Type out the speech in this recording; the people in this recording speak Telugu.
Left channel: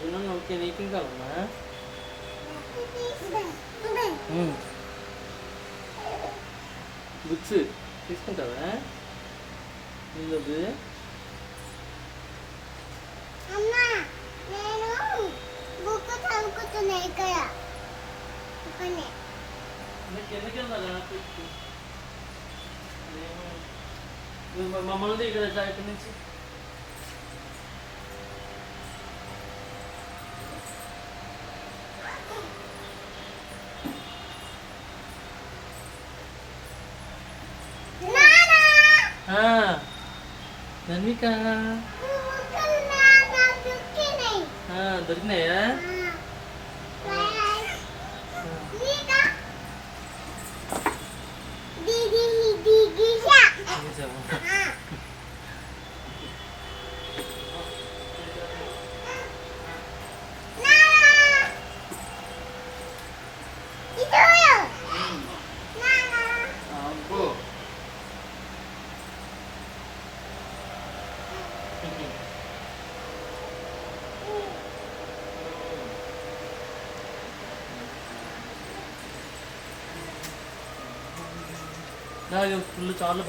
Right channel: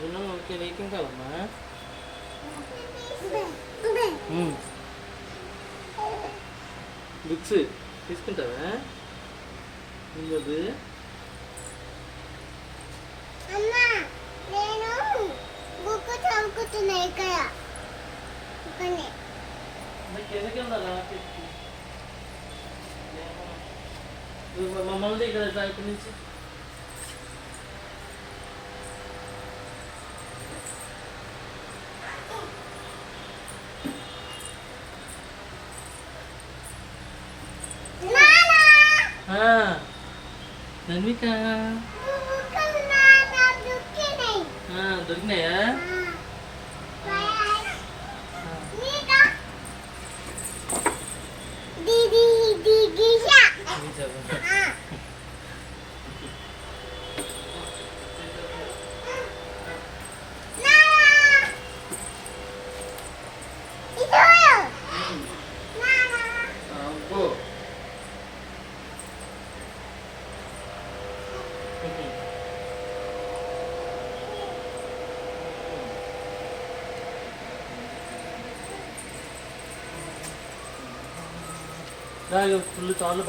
ఓకే నీకేం కావాలమ్మా? బుక్స్ తీసుకుంటావా? ముందు అమ్మా నేను బుక్ చదువుకుతున్నా ఇక్కడ ఎందుకెళ్ళాలా? మమ్మల్ని ఇక్కడ ఇక్కడి నుంచి ధనిక దొరికినాయా? ఫుల్ చాలా